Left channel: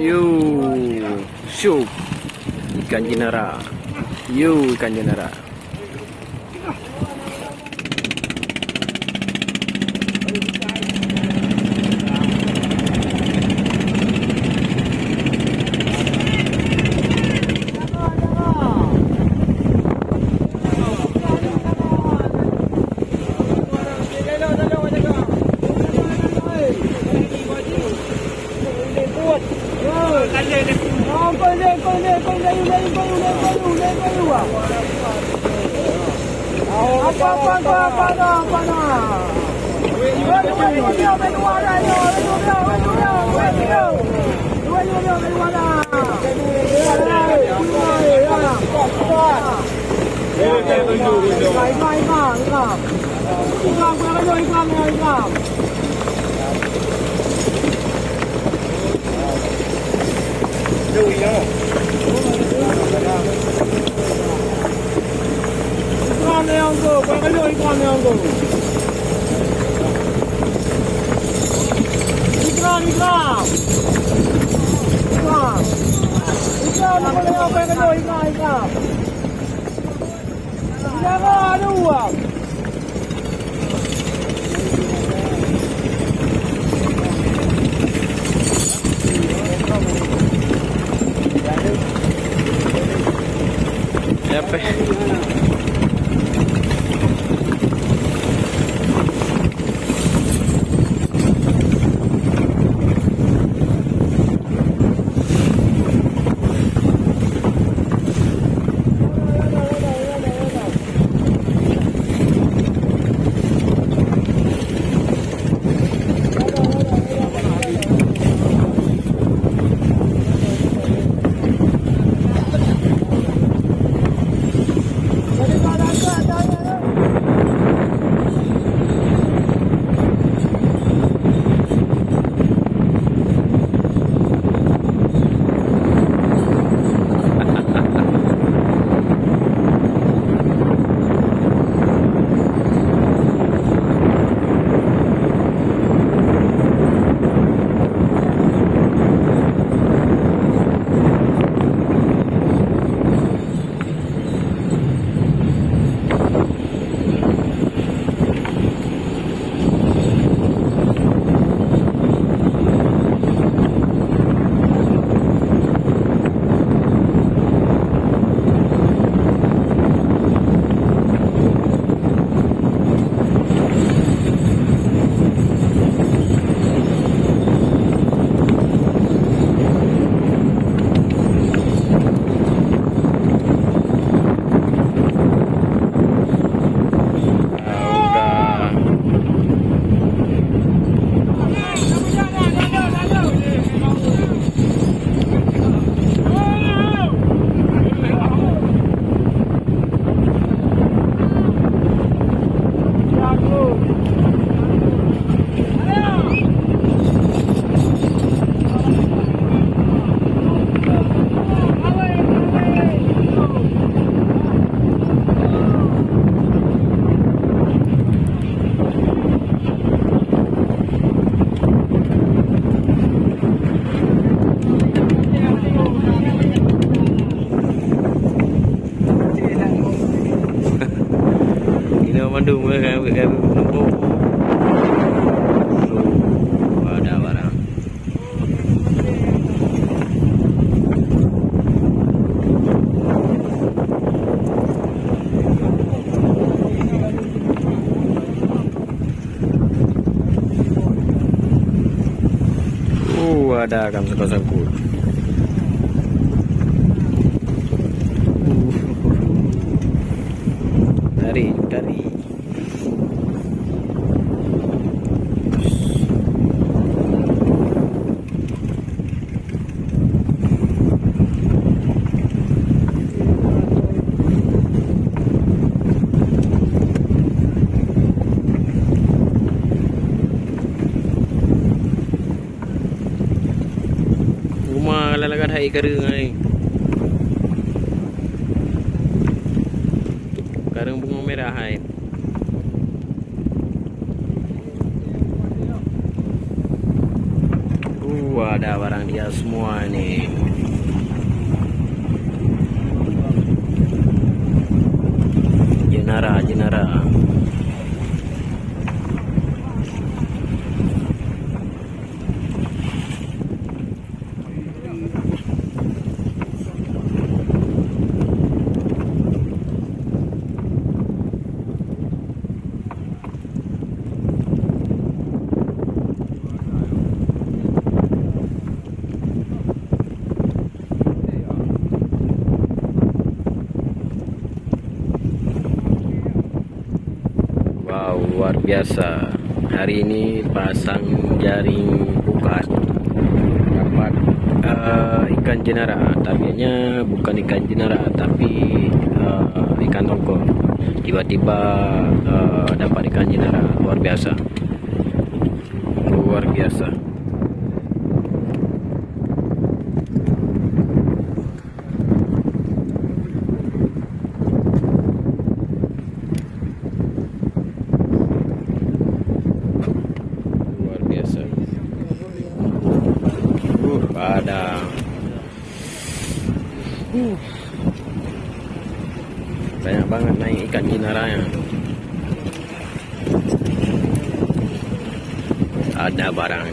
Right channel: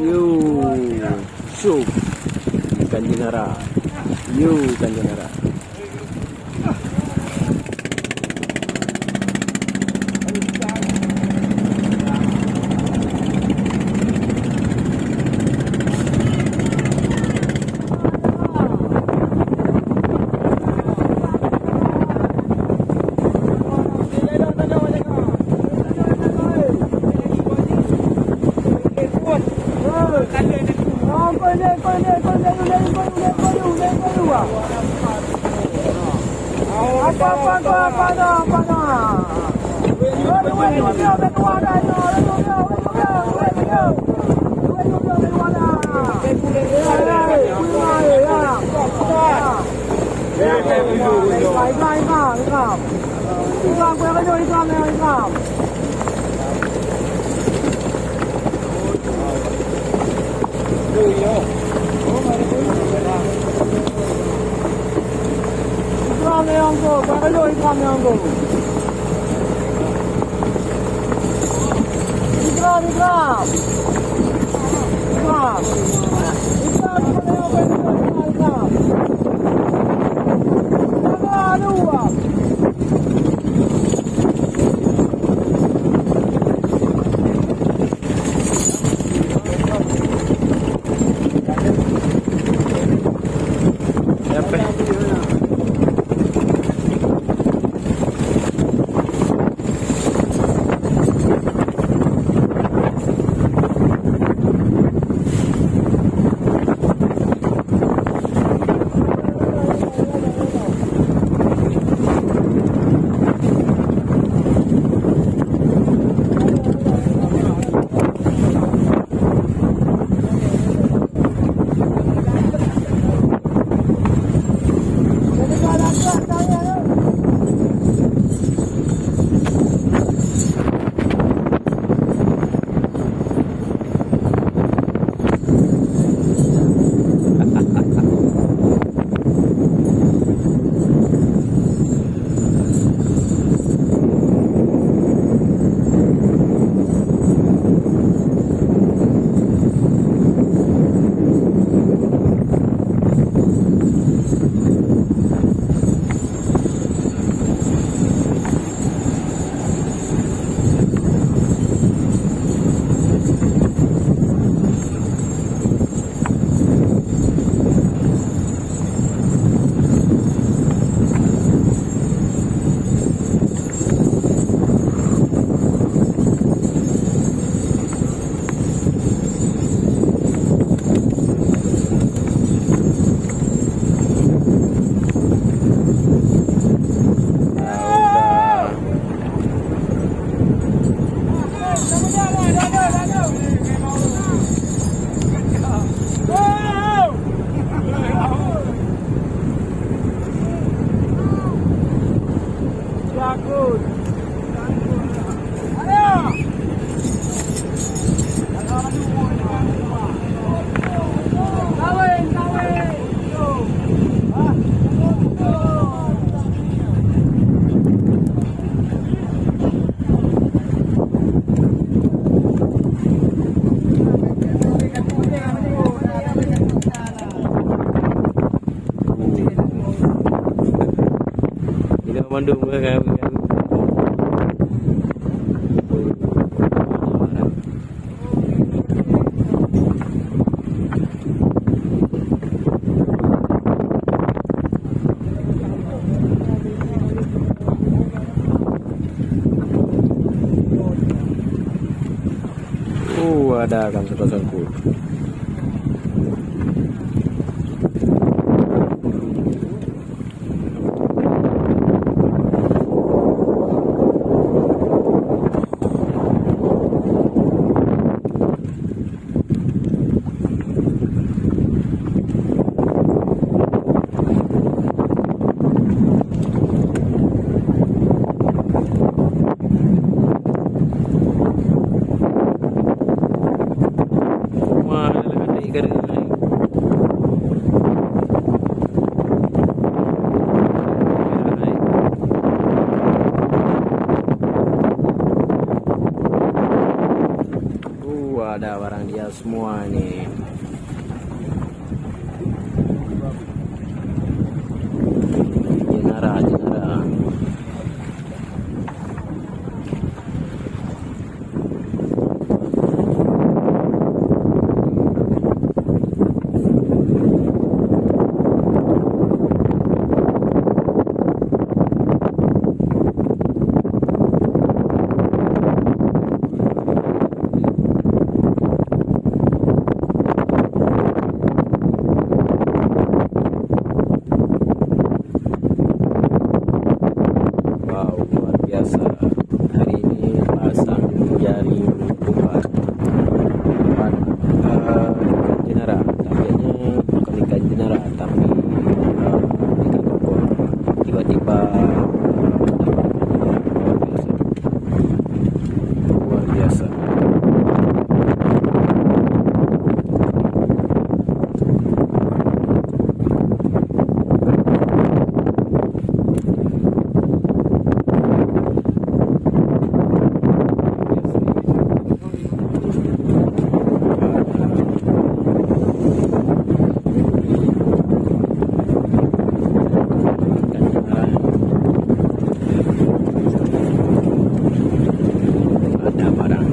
Yo, syuk. Ikan jenara. Yo, ikan jenara. Apa? Bandung kayak Lembok. Ada barang. Ada ikan sangkut-sangkut. Dari. Lalagan hai garing ai. Garang merah hai. Ada barang dia semua ini. Jenara, jenara. Wow, luar biasa. Hari ini pasang jaring pukat dapat ikan jenara. Tapiannya bukan ikan jenara tapi ikan tokor. Tiba-tiba dapat ikan jenara. Luar biasa. Luar biasa. Banyak banget naik ikan jenaranya. Ada barang.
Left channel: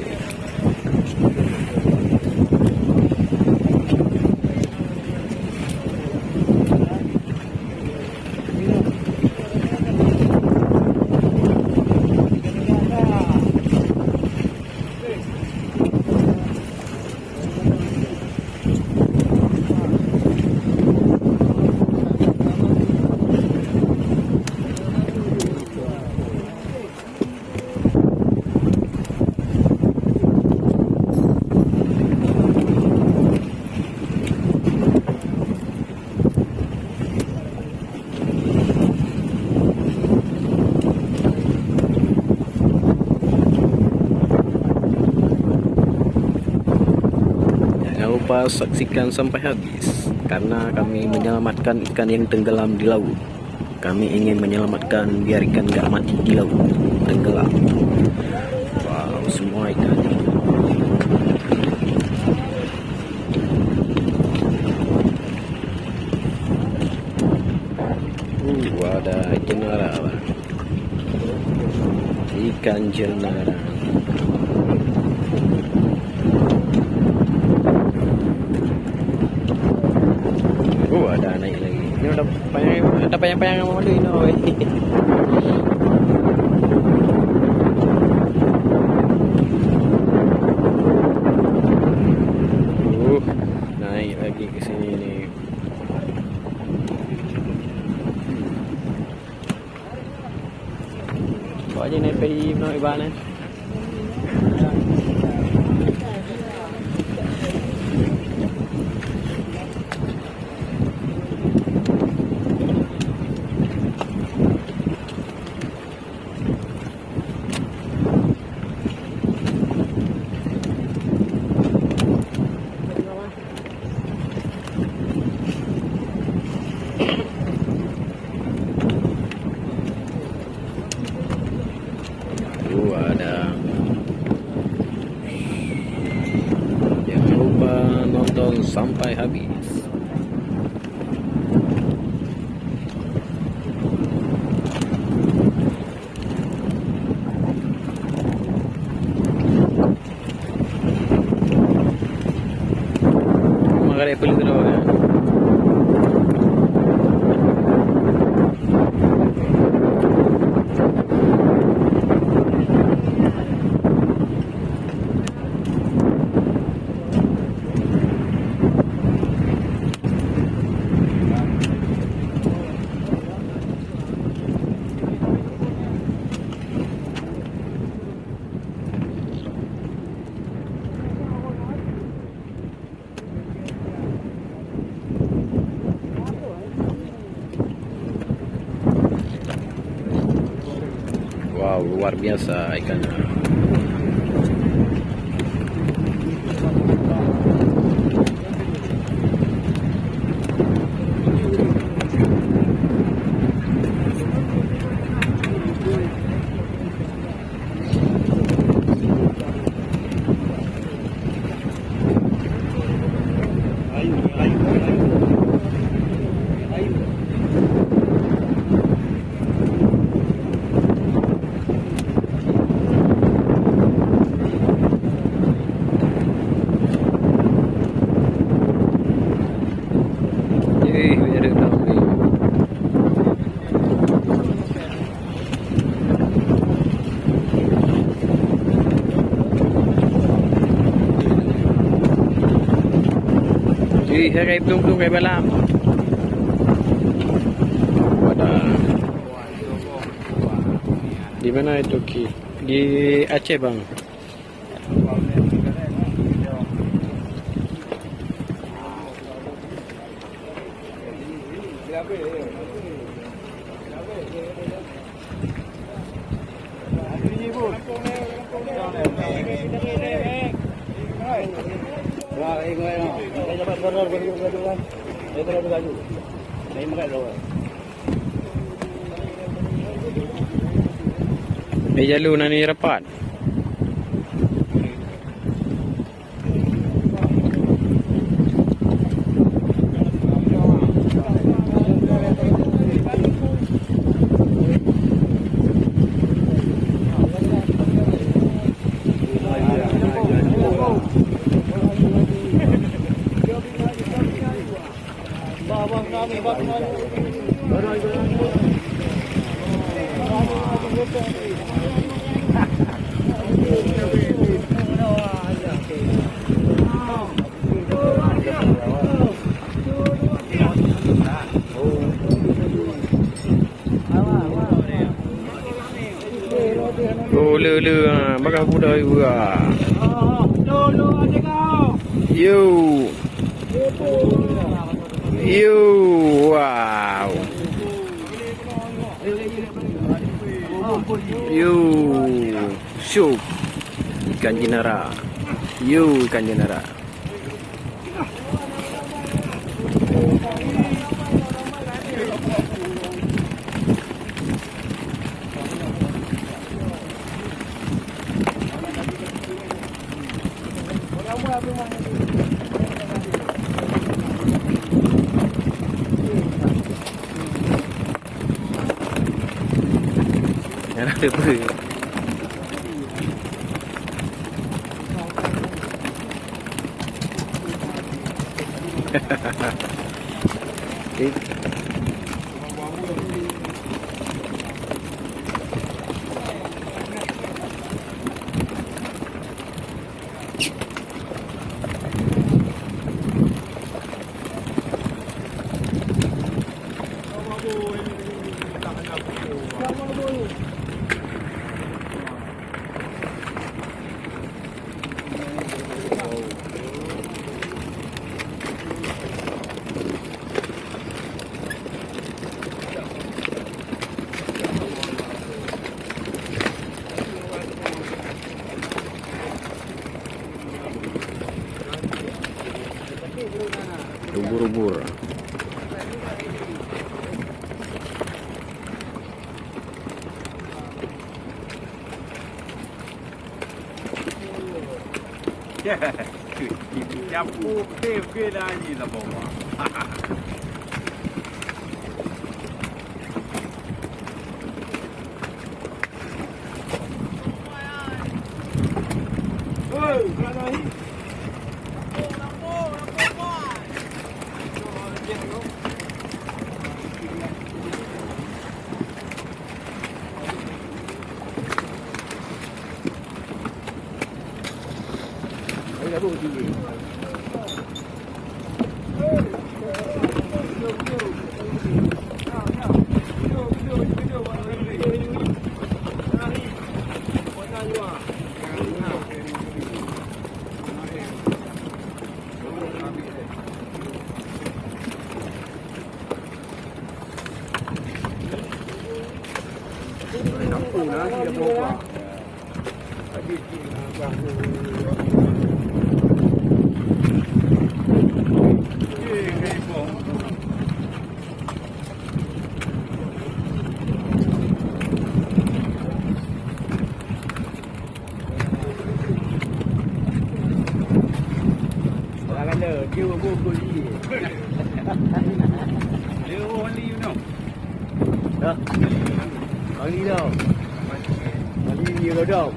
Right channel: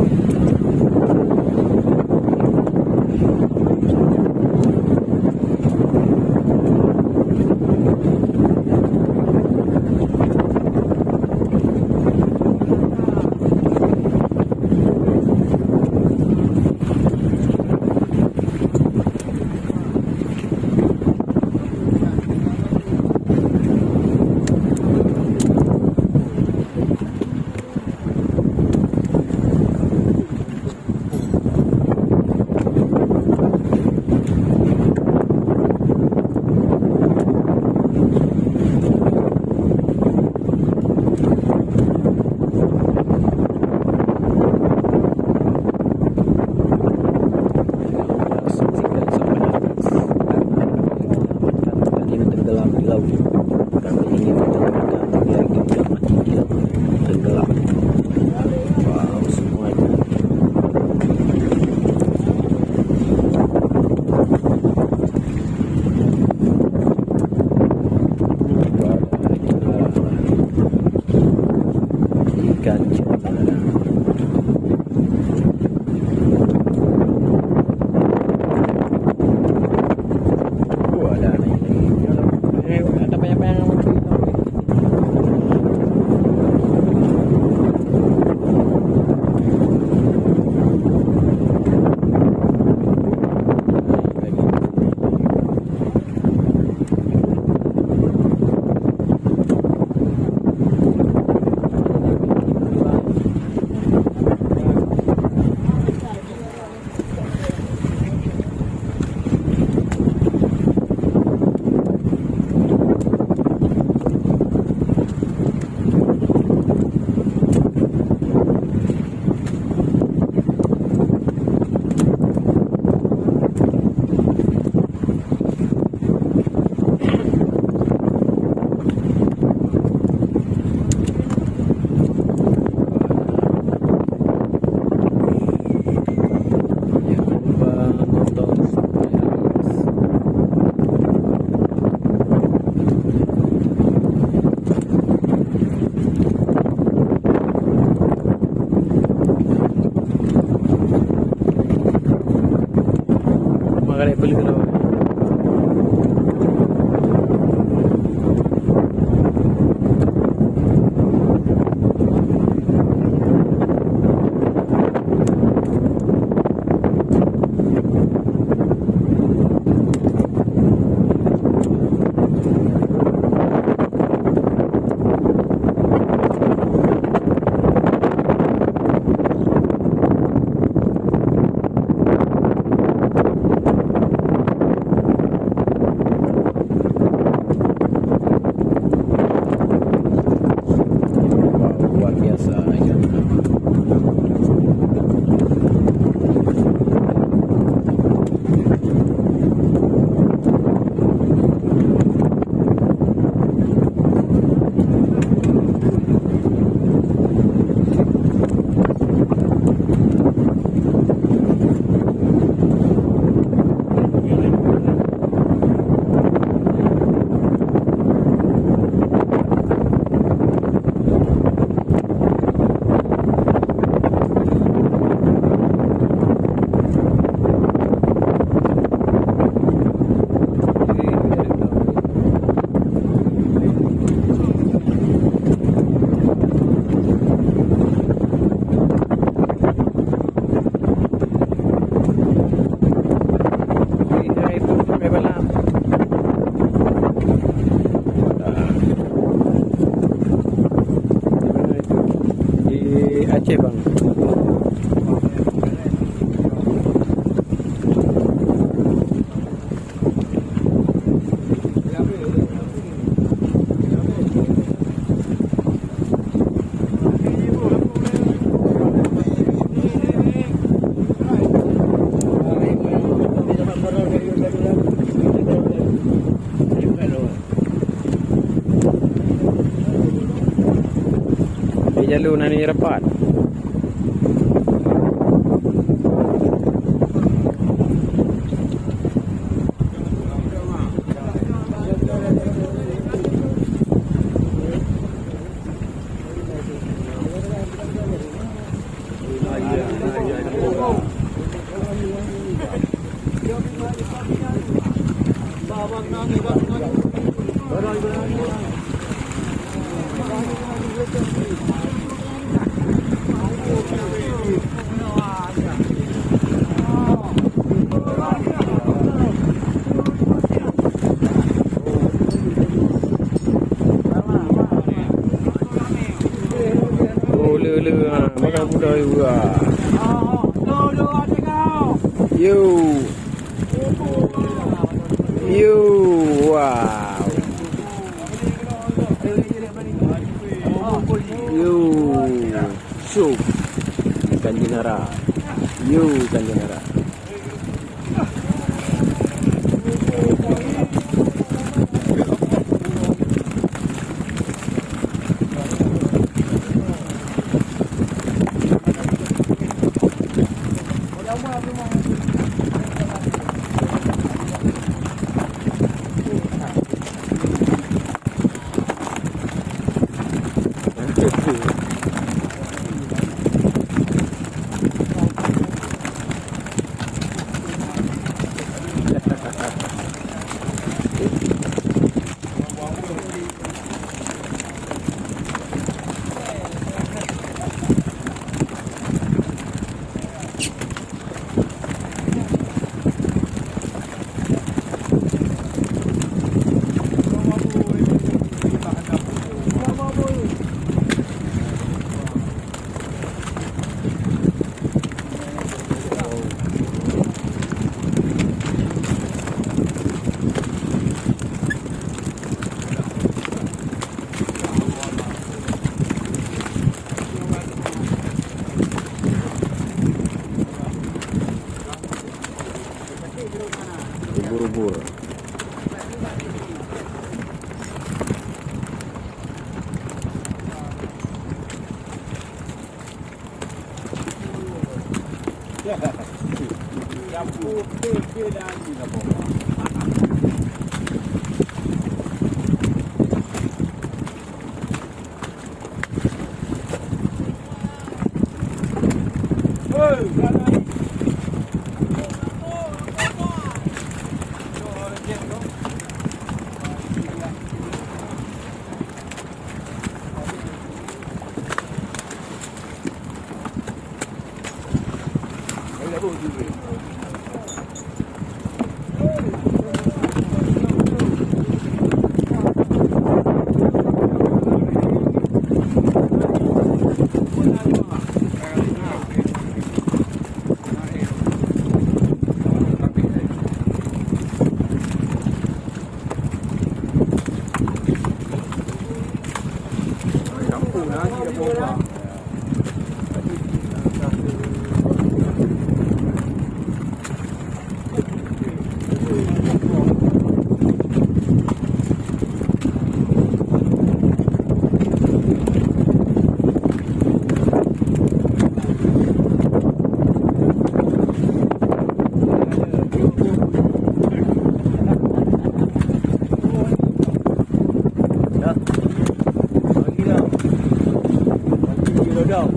Saksikan sampai habis karena kami menyelamatkan ikan yang tenggelam di laut. Kami ingin menyelamatkan biar ikan gak mati di laut, tenggelam. Wow, semua ikan. Ada jenara, ikan jenara. Ada naik lagi. Ini ada banyak yang mau ini. Naik lagi ke sini nih. Coba aja nih pergi mau ibadah. Nonton sampai habis. Makanya beli terus ya. Luar biasa ikannya. Hari tu kai balam. Wadah. Di mana itu Ki? Di Aceh bang. Jalur nani rapat. Lơ bakal budak juga. Yo. Wow. Yo. Syuk. Ikan jenara. Yo, ikan jenara. Ubur-ubur. Campur ke dah ni lah bawa. Đâu?